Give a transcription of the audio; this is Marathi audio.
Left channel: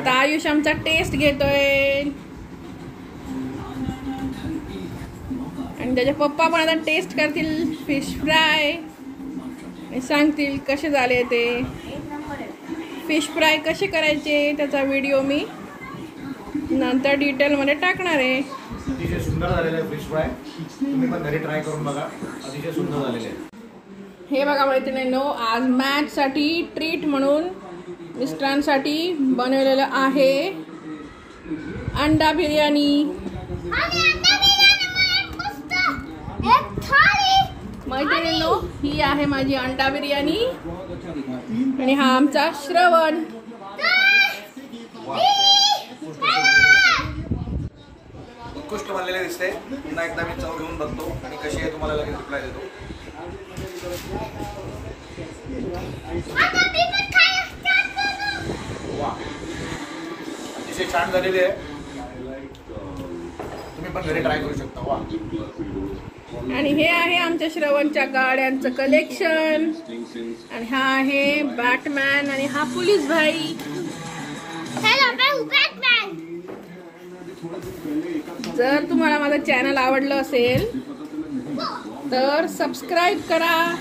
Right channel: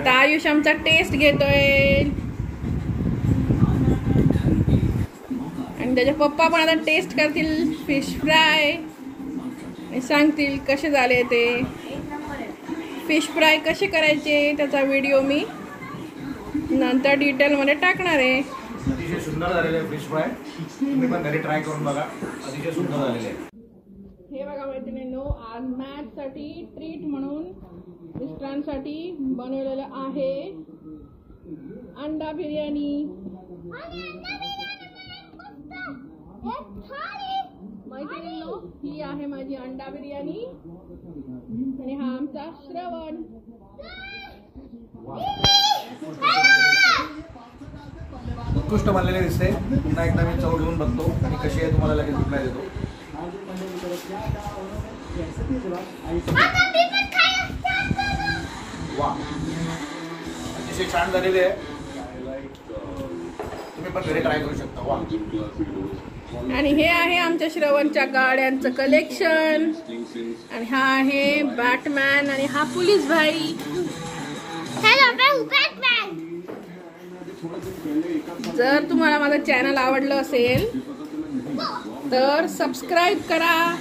आता आयुष आमचा टेस्ट घेतोय आणि त्याचे पप्पा पण आता टेस्ट करतील फिश फ्राय आणि सांगतील कसे झाले ते। फिश फ्राय कसे करायचे त्याचा व्हिडिओ मी नंतर डिटेल मध्ये टाकणार आहे। अतिशय सुंदर झालेले आहे फिश फ्राय, तुम्ही पण घरी ट्राय करून बघा, अतिशय सुंदर झालेले आहे। हे बघा मैत्रिणींनो, आज मॅच साठी ट्रीट म्हणून मिस्टरांसाठी बनवलेलं आहे अंडा बिर्याणी। मैत्रिणींनो, ही आहे माझी अंडा बिर्याणी आणि हा आमचा श्रवण। उत्कृष्ट बनलेले दिसते। पुन्हा एकदा मी चव घेऊन बघतो आणि कशी आहे तुम्हाला लगेच रिप्लाय देतो। वा, अतिशय छान झालेले आहे, तुम्ही पण घरी ट्राय करू शकता। वा, आणि हे आहे आमच्या श्रवणच्या गाड्यांचं कलेक्शन आणि हा आहे बॅटमॅन आणि हा पोलीस भाई। जर तुम्हाला माझं चॅनल आवडलं असेल तर सबस्क्राईब करा।